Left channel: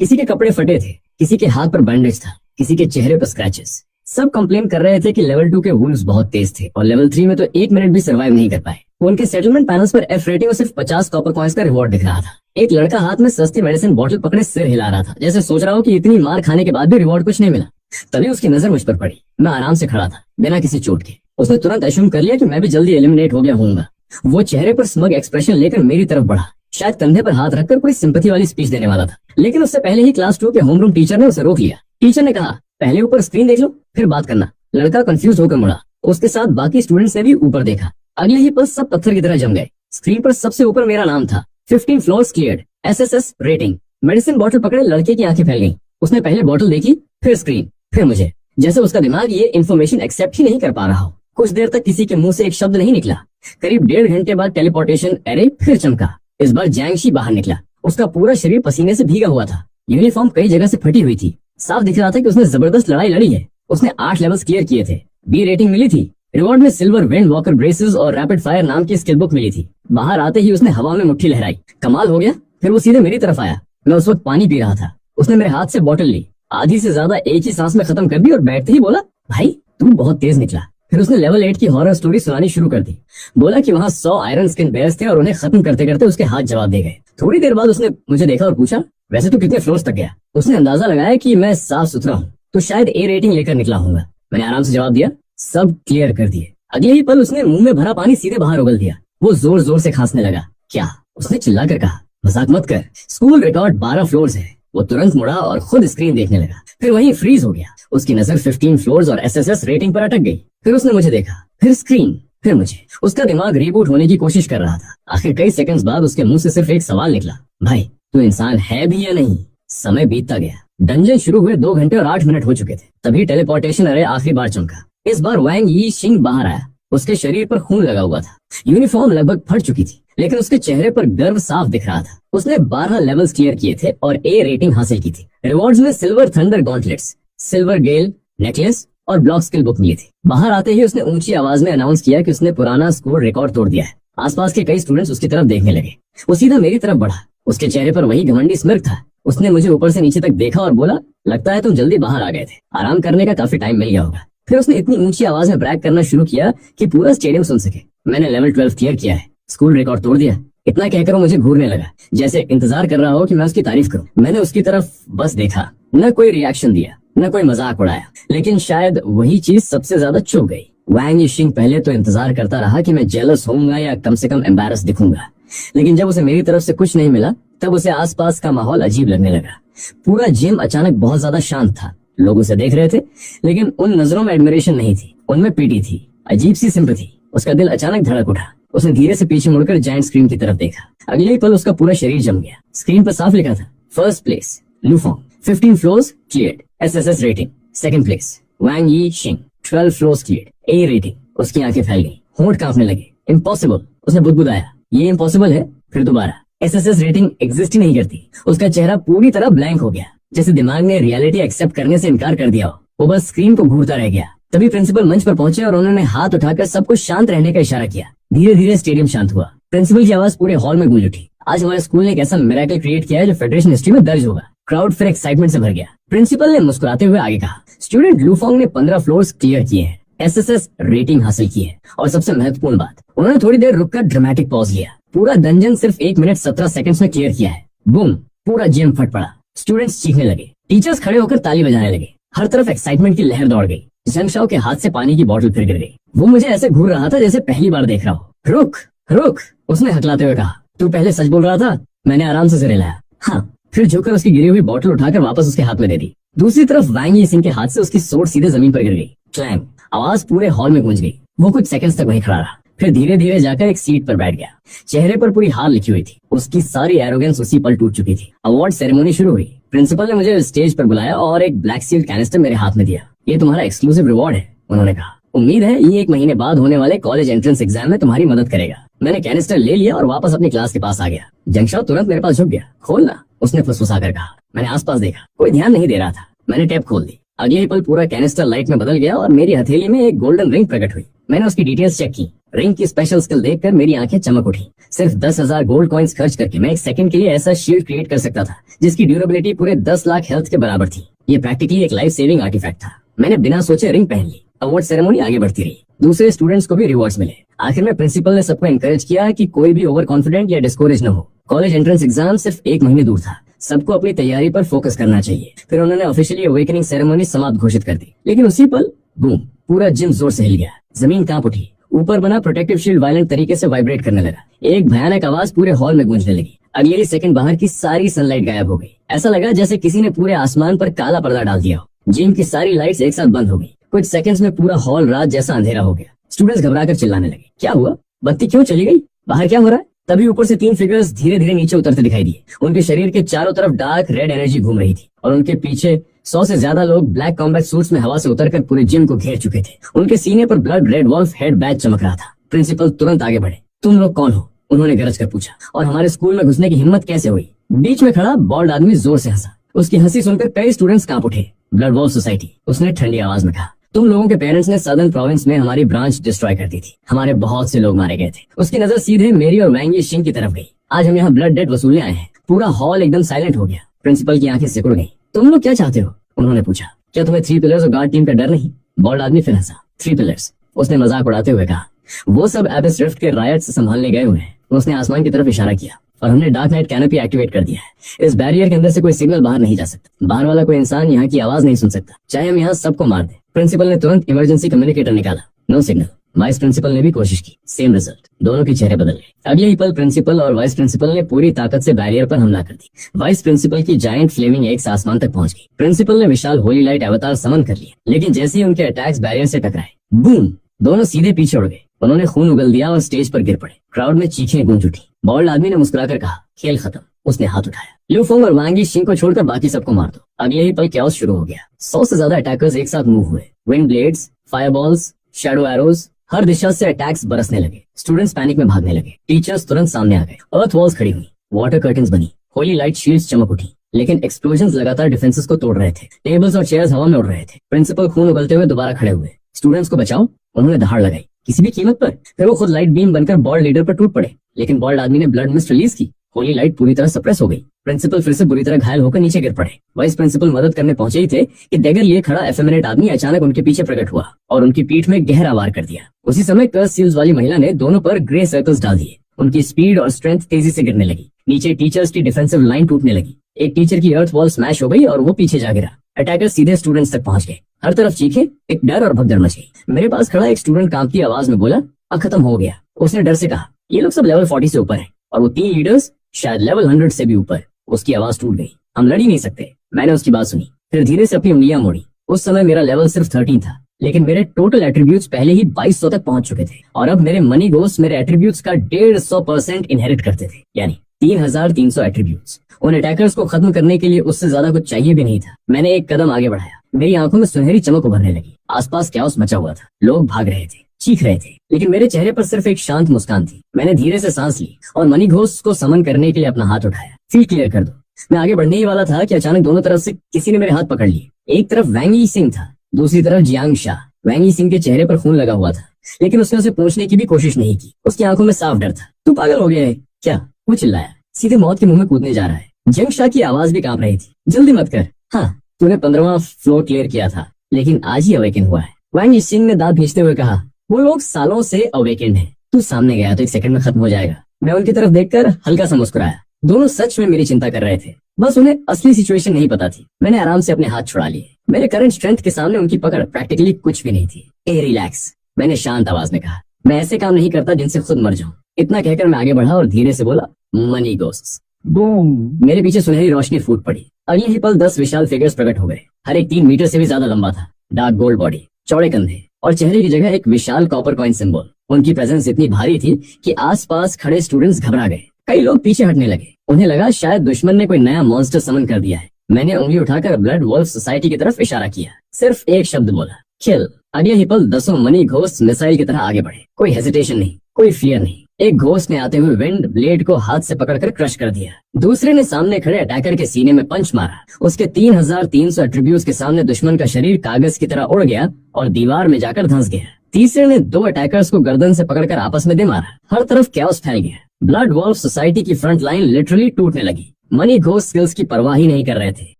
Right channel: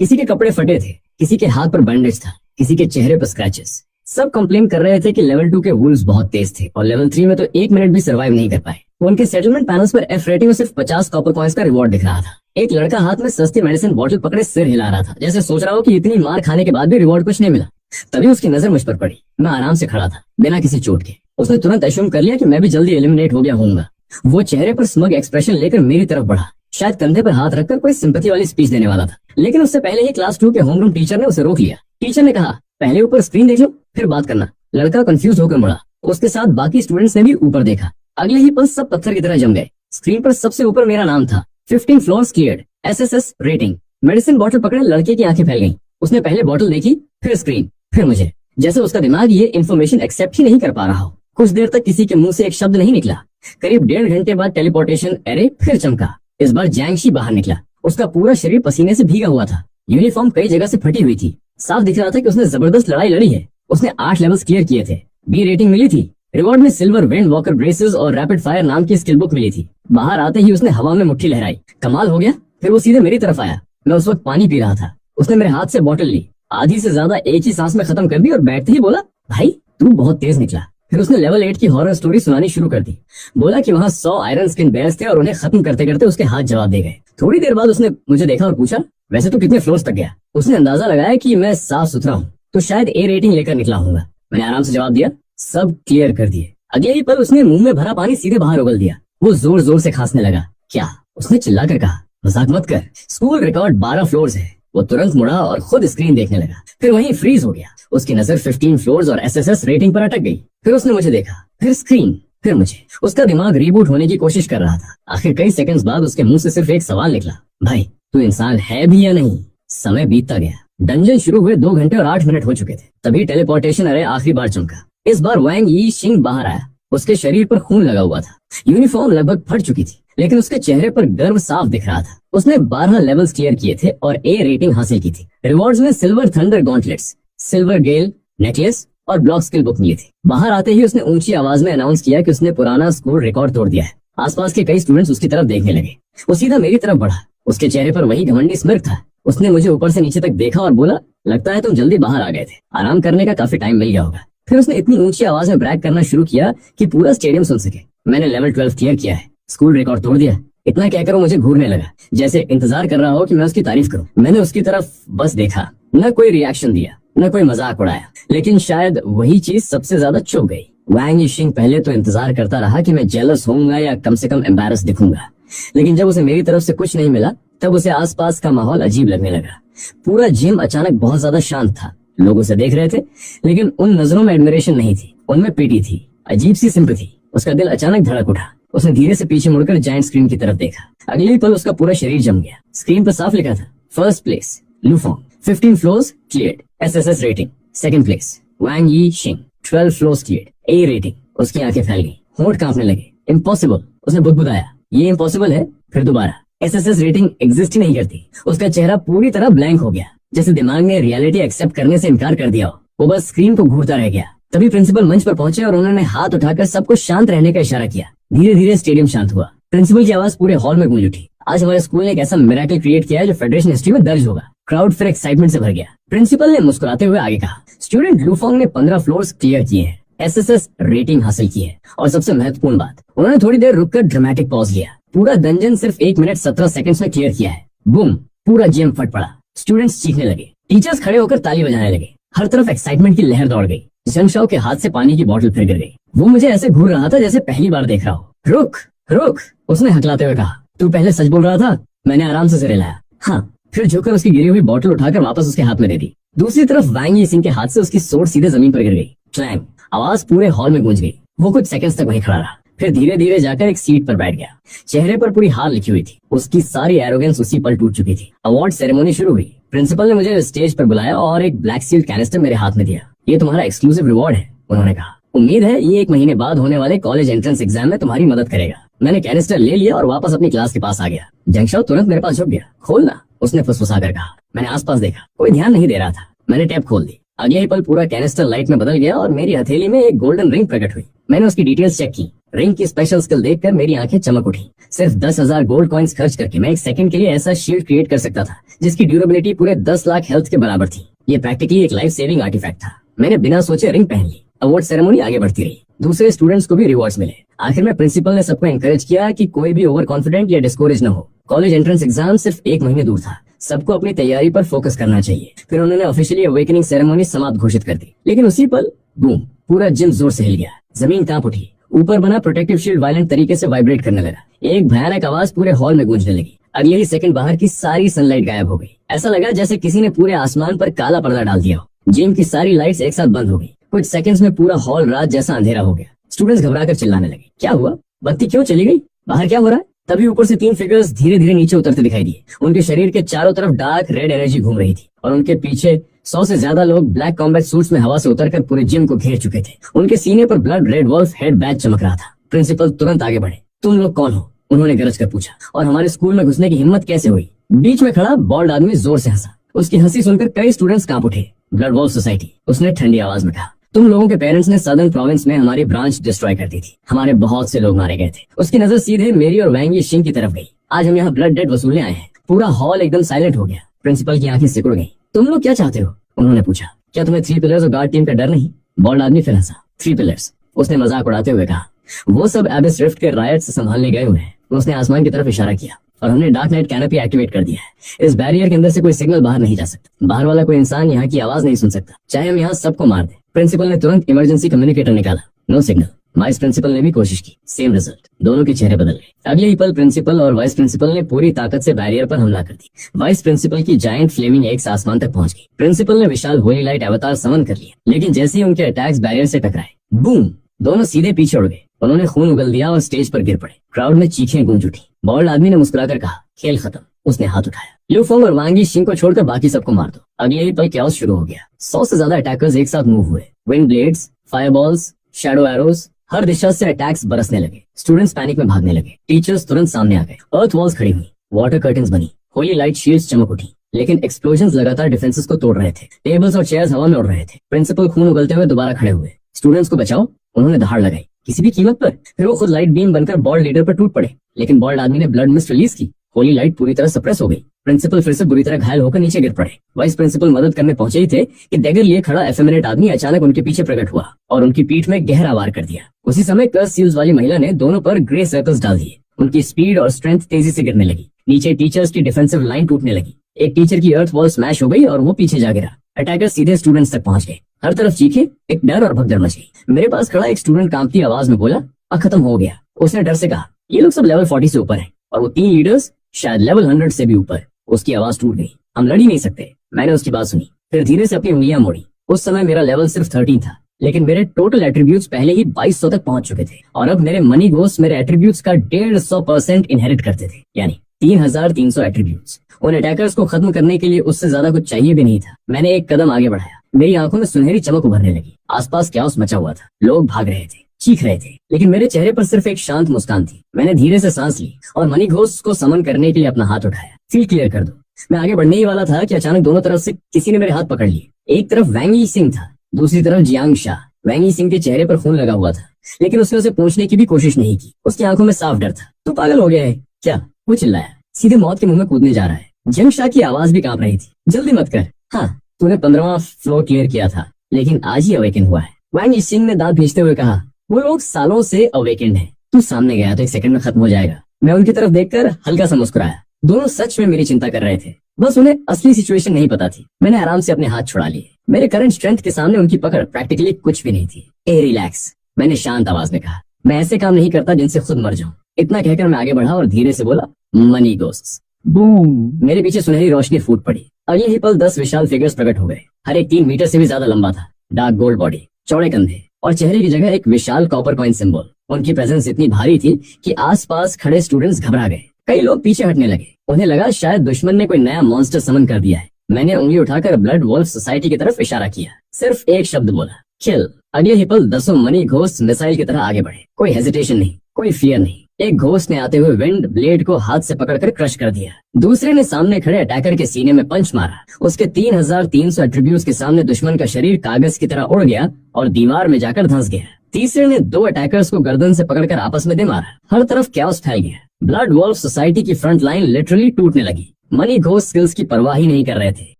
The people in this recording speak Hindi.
किसी के कपड़े फटे थे, किसी के हाथ पर बैंडेज था, किसी के चेहरे पर स्क्रैचेस। सब कंप्लेन कर रहे थे कि लेवल 2 के वुल्व्स बहुत तेज थे और लेवल 3 में तो 1 मिनट भी सर्वाइव नहीं कर पाए। उनके सेटलमेंट पैनल्स पर एफ रेटिंग और सिर्फ 50 कॉपर कॉइंस का रिवॉर्ड दिख रहा था। एक लड़का हाथ में सस्ती मेडिसिन बॉटल पकड़े सिर हिला रहा था, जैसे सोच रहा हो कि इतनी मार खाने के बाद भी रिवॉर्ड कुछ नहीं मिला। तभी उसकी नजर मुझ पर पड़ी। मैं आराम से खड़ा था, बिना किसी चोट के। उसने तुरंत अश्यूम कर लिया कि मैं भी जल्दी एलिमिनेट हो गया हूँगा। वो चेहरे पर स्मग एक्सप्रेशन लेकर मेरी तरफ बढ़ा, शायद कंधे पर हाथ रखकर कोई सिंपैथी वाली स्पीच देने वाला था। लेकिन उससे पहले ही क्लास 2 के होमरूम टीचर ने उसे रोक लिया। टीचर ने कहा, पहले ऊपर स्क्रीन देख लो, फिर बात करना। लड़का कंफ्यूज होकर मुड़ा। उसके साथ बाकी स्टूडेंट्स ने भी ऊपर देखा। अगले ही पल सब पत्थर की तरह जम गए। स्क्रीन पर सबसे ऊपर मेरा नाम था, 15 floors cleared, SSS rating. Medicine bottle पकड़े लड़के की आंखें फैल गईं। उसने पहले बॉटल देखी, फिर स्क्रीन, फिर मुझे, जैसे उसका दिमाग ये इन्फॉर्मेशन एक्सेप्ट ही नहीं कर पा रहा हो। कुछ देर तक किसी के मुंह से एक शब्द नहीं निकला। करीब 1.5 घंटे बाद टेलीपोर्टेशन एरे फिर चमका। इस बार जैंगशी बाहर निकला। उसका पूरा शरीर पसीने से भीगा हुआ था। यूनिफॉर्म कई जगह से फटी हुई थी। साफ दिख रहा था कि उसने जबरदस्त लड़ाई लड़ी है। उसने 8 लेवल्स क्लियर किए थे, बी रेटिंग मिली थी। रिवॉर्ड में सिल्वर वेंड वॉकर ब्रेसेस और रैपिड फायर नाम की स्किल बुक मिली थी। बाहर आते ही उसने हवा में मुट्ठी लहराई। कमाल हो गया। फिर वो सीधे मेरी तरफ आया। मैं उस वक्त पानी पी रहा था। उसने मेरे हाथ से बॉटल ली, आधी से ज्यादा एक ही सांस में खत्म कर दी और बैठते ही बोला, भाई तू बहुत तेज निकला। फिर उसने लेवल 8 की हॉरर स्टोरी सुनानी शुरू कर दी। बोला कि वहाँ 100 आयरन स्किन बेयर्स थे और उन्हें खत्म करते करते उसके हाथ जवाब दे गए। थोड़ी देर बाद उसने मुझे देखा और पूछा, वैसे तू कितने फ्लोर्स तक गया? उसने अंदाजा लगाया कि मैं साफ सुथरा हूँ, तो शायद ए रेटिंग लेकर निकला होगा। मैंने आराम से जवाब दिया, सब क्लियर कर दिए। अगले ही पल उसने मुंह में भरा पानी सीधे बाहर उगल दिया। वो जोर जोर से खांसने लगा। क्या? उसने चिल्लाकर कहा, मजाक मत कर, स्कूल रिकॉर्ड 12 फ्लोर्स है। वो तुरंत मुड़ा और खुद स्क्रीन देखने लगा, फिर वहीं फ्रीज हो गया। उसकी नजर 15 फ्लोर्स और एसएसएस रेटिंग पर अटक गई। फिर उसने मुझे देखा, फिर स्क्रीन, फिर मुझे। उसका दिमाग रीबूट होने की कोशिश कर रहा था। आखिर कई सेकंड्स बाद उसके मुंह से सिर्फ एक सवाल निकला, भाई तू इंसान है भी या नहीं? समय बीतता गया। डंजन शुरू हुए 2 घंटे और 8 मिनट हो चुके थे। तभी टेलीपोर्टेशन एरे आखिरी बार चमका। इस बार वैंग यी शिंग बाहर आया। उसके शरीर पर खून लगा हुआ था। यूनिफॉर्म लगभग फट चुकी थी, लेकिन उसके चेहरे पर गर्व साफ दिख रहा था। उसने 12 लेवल्स क्लियर किए थे और ए रेटिंग हासिल की थी। रिवॉर्ड्स में सिल्वर थंडर गॉन्टलेट्स, सिल्वर गेल नेकलेस और ब्लॉक स्किल बुक मिली थी। बाहर आते ही उसने ऊंची आवाज में अनाउंस किया कि उसने पुराना स्कूल रिकॉर्ड तोड़ दिया है। आसपास के कई स्टूडेंट्स उसकी तरफ देखने लगे। वो सीधा मेरी तरफ बढ़ा। उसके चेहरे पर वही घमंडी स्mirk था। उसने मुझे ऊपर से नीचे तक देखा और बोला, लगता है तुम जल्दी बाहर आ गए थे, आराम करने का काफी टाइम मिल गया होगा। फिर उसने इतनी ऊंची आवाज में ब्रैग करना शुरू किया कि पूरा स्टेडियम सुन सके, मैंने लेवल 12 क्लियर किया है, स्कूल रिकॉर्ड तोड़ दिया। इतना कहकर वो मुझे घूरने लगा, जैसे इंतजार कर रहा हो कि मैं उसकी तारीफ करूं। मैंने उसकी तरफ बस देखा, न कोई रिएक्शन दिया, न कोई मजाक उड़ाया। लेकिन शायद वही चीज सबसे ज्यादा चुभ गई। वैंग यीशिंग पहले तो इंतजार करता रहा कि मैं जेलस होऊंगा या कम से कम एम्बैरस दिखूंगा, लेकिन जब उसे मेरी तरफ से कुछ नहीं मिला तब उसे आसपास का माहौल अजीब लगने लगा। पूरा जिम अचानक बहुत ज्यादा शांत था। लोग उसे देख रहे थे, लेकिन उन नजरों में एडमिरेशन नहीं थी, उनमें पीटी थी, अजीब सी सिंपैथी। उसका दिल अचानक धड़क उठा। उसने धीरे से पीछे मुड़कर जायंट स्क्रीन की तरफ देखा। अगले ही पल उसका पूरा शरीर जम गया। स्क्रीन पर साफ लिखा था, फर्स्ट प्लेस लूफोंग, 15 floors cleared, SSS rating. Second place Wang Yi Xing, 12 floors cleared, A rating. उसकी आंखें फैल गई, होंठ कांपने लगे। इम्पॉसिबल, उसने बुदबुदाया, ये इम्पॉसिबल है। फिर दोबारा, एसएसएस रेटिंग एग्जिस्ट ही नहीं करती। उसका चेहरा पूरी तरह ब्लैंक हो गया, जैसे दिमाग ने रियलिटी एक्सेप्ट करने से इनकार कर दिया हो। वो बस स्क्रीन को घूरता रह गया। तभी प्रिंसिपल मंच पर पहुंचे और उन्होंने हाथ उठाकर सबको शांत रहने का इशारा किया। धीरे धीरे स्टेडियम शांत हुआ। प्रिंसिपल की आवाज पूरे हॉल में गूंज उठी, आज हमारे स्कूल ने एक ऐसा मिरेकल क्रिएट किया है जो फेडरेशन हिस्ट्री में दर्ज होगा। क्राउड फिर एक्साइटमेंट से भर गया। प्रिंसिपल ने मुस्कुराते हुए आगे कहा, स्टूडेंट लूफोंग ने 15 फ्लोर्स क्लियर किए हैं, एसएसएस रेटिंग हासिल की है, और सबसे महत्वपूर्ण बात, उन्होंने थोड़ी देर रुककर ड्रामेटिक पॉज लिया। पूरा डंजन सिर्फ 1 मिनट 17 सेकंड्स में क्लियर किया है। बूम, पूरा जिम फट पड़ा। स्टूडेंट्स चीखने लगे, टीचर्स खड़े होकर ताली बजाने लगे। हर तरफ एक्साइटमेंट की लहर दौड़ गई। जंगशाओ के हाथ से पानी की बोतल फिर गिर गई। वो मुझे ऐसे घूर रहा था जैसे पहली बार देख रहा हो। रुक रुक, उसने हकलाते हुए कहा, तू पहले सच बोल रहा था? मैंने आराम से सिर हिलाया, हाँ। फिर झुककर उसकी गिरी हुई बोतल उठाकर वापस उसके हाथ में दे दी। दूसरी तरफ वैंग यी सिंह के हाथ से उसकी सोट सीधे जमीन पर गिर गई। क्लैंग, आवाज पूरे हॉल में गूंज गई। वो कुछ सेकंड्स तक वहीं खड़ा रहा, फिर धीरे धीरे जाकर एक सीट पर बैठ गया। चेहरे पर पूरी हार लिखी हुई थी। उसकी सारी एरोगेंस उसी पल टूट चुकी थी। अवार्ड सेरेमनी शुरू हुई। प्रिंसिपल ने मुझे स्टेज पर बुलाया और एक ब्लैक सील्ड कैनिस्टर मेरे हाथ में दिया। ये तुम्हारा एक्सक्लूसिव रिवॉर्ड है, उन्होंने कहा। उम्मीद है ये 1 महीने बाद होने वाले कॉलेज एंट्रेंस एग्जाम में तुम्हारी मदद करेगा। मैंने कैनिस्टर ले लिया और वापस अपनी क्लास के पास आ गया। जंगशाओ तुरंत मेरे पास झुक गया। खोलना, उसने फुसफुसाकर कहा। मैंने आसपास देखा, कोई ध्यान नहीं दे रहा था। मैंने टैप खोल दी। अगले ही पल पूरा कैनिस्टर लाइट में बदल गया और मेरी हथेली में एक गोल्डन रिंग प्रकट हुई। मैंने उसकी डिटेल्स चेक की। रिंग की स्पेशल स्किल देखकर मेरी आंखें चमक उठी। सिर्फ 10,000 गोल्ड कॉइन्स खर्च करके मैं एक सेकंड के लिए ऐसा शील्ड क्रिएट कर सकता था जिसकी ड्यूरेबिलिटी पूरे 10 लाख हेल्थ के बराबर थी। ये प्रैक्टिकली एक लाइफ सेविंग आर्टिफैक्ट था। मैंने बिना सोचे रिंग पहन ली। अवार्ड सेरेमनी आगे बढ़ती रही। दूसरे स्टूडेंट्स को भी रिवॉर्ड्स मिले। आखिर में प्रिंसिपल ने सबको एनकरेज किया कि कोई भी ओवर कॉन्फिडेंट या डिस्कोरेज न हो। कॉलेज एंट्रेंस एग्जाम सिर्फ 1 महीने दूर था। सबको अपनी तैयारी पर फोकस करना चाहिए। फिर उन्होंने ऑफिशियली अवेकनिंग सेरेमनी समाप्त घोषित कर दी। लेकिन उसी पल बूम, पूरा जिम जोर से हिल गया। जमीन कांप उठी। ऊपर बना प्रोटेक्टिव शील्ड वायलेंट तरीके से वाइब्रेट करने लगा। एक भयानक आवाज पूरे हॉल में गूंजने लगी। अगले ही सेकंड बाहर की सारी सनलाइट गायब हो गई। ऐसा लगा जैसे किसी ने पूरे आसमान पर काला पर्दा डाल दिया हो। जिम की सारी लाइट्स एक साथ बंद हो गई। कुछ सेकंड्स में पूरा हॉल रात जैसा अंधेरा हो गया। स्टूडेंट्स घबराकर चिल्लाने लगे, क्या हुआ? बत्ती क्यों चली गई? बाहर क्या हो रहा है? तभी ऊपर से 3 फिगर्स धीरे धीरे नीचे उतरते दिखाई दिए। उनके शरीर के चारों तरफ डार्क रेड एनर्जी घूम रही थी और उनके पीछे 100 से ज्यादा लोग ब्लैक कॉम्बैट सूट्स में हवा से उतरकर पूरे जिम को घेर चुके थे। उनके सीने पर blood red wolf head badge चमक रहा था। प्रिंसिपल तुरंत आगे बढ़े। तुम लोग कौन हो? उन्होंने गरज कर पूछा। और हमारे स्कूल में घुसने की हिम्मत कैसे हुई? बीच में खड़ा बॉल्ड आदमी जोर से हंसा। उसकी हंसी सुनकर कई स्टूडेंट्स कांप उठे। ब्लड वॉल्फ सोसाइटी, उसने ठंडी आवाज में कहा। तुम लोगों के पेरेंट्स ने सदर्न प्रोविंस में हमारी ब्रांच डिस्ट्रॉय कर दी थी। हमारे बहुत से लोग मारे गए थे। उसकी नजर सीधे मेरी और वैंग यिशिंग की तरफ गई। आज हम यहाँ ब्लड डेट वसूलने आए हैं। पूरा हॉल एकदम साइलेंट हो गया। प्रिंसिपल की आंखें सिकुड़ गई। तुम लोग क्या चाहते हो? उन्होंने पूछा। क्या तुम्हें 3 पिलर्स और गार्ड टीम का डर नहीं? बॉल्ड आदमी फिर हंसा। 3 पिलर्स, उसने मजाक उड़ाते हुए कहा। वो सब एबिस रिफ्ट के रायट से संभालने गए हुए हैं। उसने आसमान की तरफ इशारा किया और हमने डार्क नाइट कैनोपी एक्टिवेट कर दिया है। इस बैरियर के अंदर से कोई सिग्नल बाहर नहीं जा सकता। बाहर वाला कोई इंसान यहाँ की आवाज नहीं सुन सकता, चाहे हम यहाँ सबको मार दें। प्रिंसिपल ने तुरंत इमरजेंसी कम्युनिकेटर निकाला। No signal. वाइस प्रिंसिपल ने भी कोशिश की। Same result. दोनों के चेहरे बदल गए। अगले ही पल प्रिंसिपल और वाइस प्रिंसिपल ने पूरी ताकत से बैरियर पर हमला कर दी। वाइस प्रिंसिपल की जायंट फ्लेमिंग एक्स आसमान तक पहुंच गई। प्रिंसिपल ने विशाल होली लाइट अवतार समन कर लिया, लेकिन जैसे ही उनके अटैक्स बैरियर से टकराए, बूम, दोनों सीधे पीछे उड़ गए। उन्होंने खून उगल दिया और स्टेज पर गिर पड़े। क्राउड में चीखें गूंज उठी। बॉल्ड आदमी ने मुस्कुराकर कहा, खेल खत्म। उसने हाथ उठाया। ल्यूफोंग और वांग यिशिंग को छोड़कर बाकी सबको मार दो। अगले ही पल कैओस शुरू हो गया। 100 से ज्यादा अटैकर्स एक साथ मूव हुए। विंड ब्लेड्स, फायरबॉल्स, शैडो एरोज, हर दिशा से अटैक्स बरसने लगे। स्टूडेंट्स पैनिक में भागने लगे। टीचर्स तुरंत सामने आ गए। अर्थ वॉल्स खड़ी हुई। वाटर कर्टन्स बनी। होली लाइट शील्ड्स चमक उठी। लेकिन एक्सप्लोजन्स लगातार डिफेंसेस को तोड़ रहे थे। टेबल्स और चेयर्स हवा में उड़ रहे थे। प्रिंसिपल खून उगलते हुए दोबारा खड़े हुए। स्टूडेंट्स को बचाओ, उन्होंने दहाड़ लगाई, किसी भी कीमत पर। फिर वो खुद लाइट बीम बनकर बॉल्ड लीडर पर टूट पड़े, लेकिन बॉल्ड आदमी ने ब्लड मिस्ट रिलीज की। होली लाइट पूरी तरह सप्रेस हो गई। प्रिंसिपल फिर से बुरी तरह घायल होकर नीचे गिर पड़े। वाइस प्रिंसिपल मदद करने पहुंचे ही थे कि डैगर लिए खड़ा एफेमिनेट आदमी अचानक उनके पीछे प्रकट हुआ और उनकी पीठ में गहरा वार कर दिया। उसी समय कर्स सील्स वाली महिला ने दोनों पर ग्रे सर्कल्स डाल दिए। उनकी स्पीड और स्ट्रेंथ तेजी से गिरने लगी। नीचे टीचर्स की डिफेंसिव लाइन टूटने लगी। एक टीचर की अर्थ वॉल स्मैश हो गई और वो पीछे जा गिरा। अटैकर सीधे स्टूडेंट्स तक पहुंच गए। हर तरफ चीखें, एक डर और भगदड़ मच गई। मेरे पास खड़ा एक स्टूडेंट कांपती आवाज में बोला, खत्म हो गया। उसने डर से कहा, ये लोग सब लेवल 40 से ऊपर हैं और वो 3 लीडर्स शायद लेवल 100 से भी ऊपर। उसकी आवाज टूट गई। हम लड़ ही नहीं सकते। मैंने उसकी बात सुनी, फिर धीरे से अपनी उंगलियां मोड़ी। उस समय मेरा लेवल सिर्फ 13 था, लेकिन मेरे टोटल एट्रीब्यूट्स पहले ही 2200 तक पहुंच चुके थे और अब मेरे मनी गोस्ट मेरे एट्रीब्यूट्स का 150% इनहेरिट करते थे, यानी 3300 एट्रीब्यूट्स। उन अटैकर्स को खत्म करने के लिए उससे ज्यादा कुछ चाहिए भी नहीं था। मैंने एक कदम आगे बढ़ाया। मेरी आंखों में सुनहरी चमक उभरने लगी। आसपास कैओस मचा हुआ था। लोग भाग रहे थे, चीख रहे थे, लेकिन मेरे चेहरे पर सिर्फ एक शांत मुस्कान थी। मैंने धीरे से सांस ली और मनी घोस्ट को समन करने के लिए अपना हाथ उठाया। फील्ड क्लियर कर दो। मैं आगे बढ़ने ही वाला था कि अचानक दोनों तरफ से किसी ने मेरे हाथ पकड़ लिए। एक तरफ वैंग यिशिंग था, दूसरी तरफ जियांग शाह। वैंग यिशिंग के चेहरे पर खून लगा हुआ था, लेकिन उसने उसे पूछने की भी कोशिश नहीं की। उसकी आंखों में साफ डर था। तू पागल हो गया है क्या? वो चिल्लाया। सीधे मौत के मुंह में कूदने जा रहा है। जियांग शाह की आवाज भी कांप रही थी। जल्दी मत कर। हाँ, तूने 15वां फ्लोर क्लियर किया था, लेकिन आज ही अवेकन हुआ है। वैंग यिशिंग ने दांत भींचते हुए कहा, वो लोग सालों से अवेकेंड हैं। तू सामने गया तो 1 सेकंड में खत्म हो जाएगा। मैं उनकी तरफ देखकर हल्का सा मुस्कुराया। दोनों सच में मेरी चिंता कर रहे थे, बस उन्हें असली सिचुएशन नहीं पता थी। मैंने आराम से अपने हाथ छुड़ा लिए। मेरे करंट स्ट्रेंथ के सामने उनकी पकड़ प्रैक्टिकली कुछ भी नहीं थी। ए रिलैक्स, मैंने शांत आवाज में कहा। मैं ऐसे काम नहीं करता जिनसे खुद मर जाऊं। इतना कहकर मैं आगे बढ़ा और धीरे से बोला, मनी गोस्ट्स। बूम, मेरे पीछे सुनहरी रोशनी फूट पड़ी। अगले ही पल 10 विशाल फिगर्स प्रकट हो गए। हर एक 3 मीटर से भी ज्यादा लंबा था। डार्क गोल्ड बॉडी, चौड़े कंधे और चेहरे की जगह एक विशाल कॉपर कॉइन सिंबल। उनकी प्रेजेंस इतनी भारी थी कि आसपास खड़े स्टूडेंट्स घबरा गए। कई लोग पीछे हटने लगे। उन्हें लगा शायद दुश्मन ने कोई नया मॉन्स्टर समन कर दिया है। मैंने उंगली उठाकर ब्लड वॉल्फ सोसाइटी की तरफ इशारा किया। सिर्फ एक शब्द बोला, किल। अगले ही पल 10 मनी घोस्ट मिसाइल की तरह आगे बढ़े। कोई हेजिटेशन नहीं, कोई फियर नहीं। एक घोस्ट ने आते हुए विंड ब्लेड को हाथ से पकड़कर क्रश कर दिया। दूसरे ने सामने खड़े अटैकर के सीने में पंच मारा। उसके 3300 एट्रीब्यूट्स के सामने दुश्मन का शरीर कागज की तरह उड़ गया और दीवार में जाकर धंस गया। तीसरे ने 2 अटैकर्स को गर्दन से पकड़कर आपस में दे मारा। हर तरफ कैओस फैल गया। ब्लड वॉल्फ सोसाइटी की फ्रंट लाइन लिटरली टूटने लगी। मनी घोस्ट स्किल्स की परवाह ही नहीं कर रहे थे।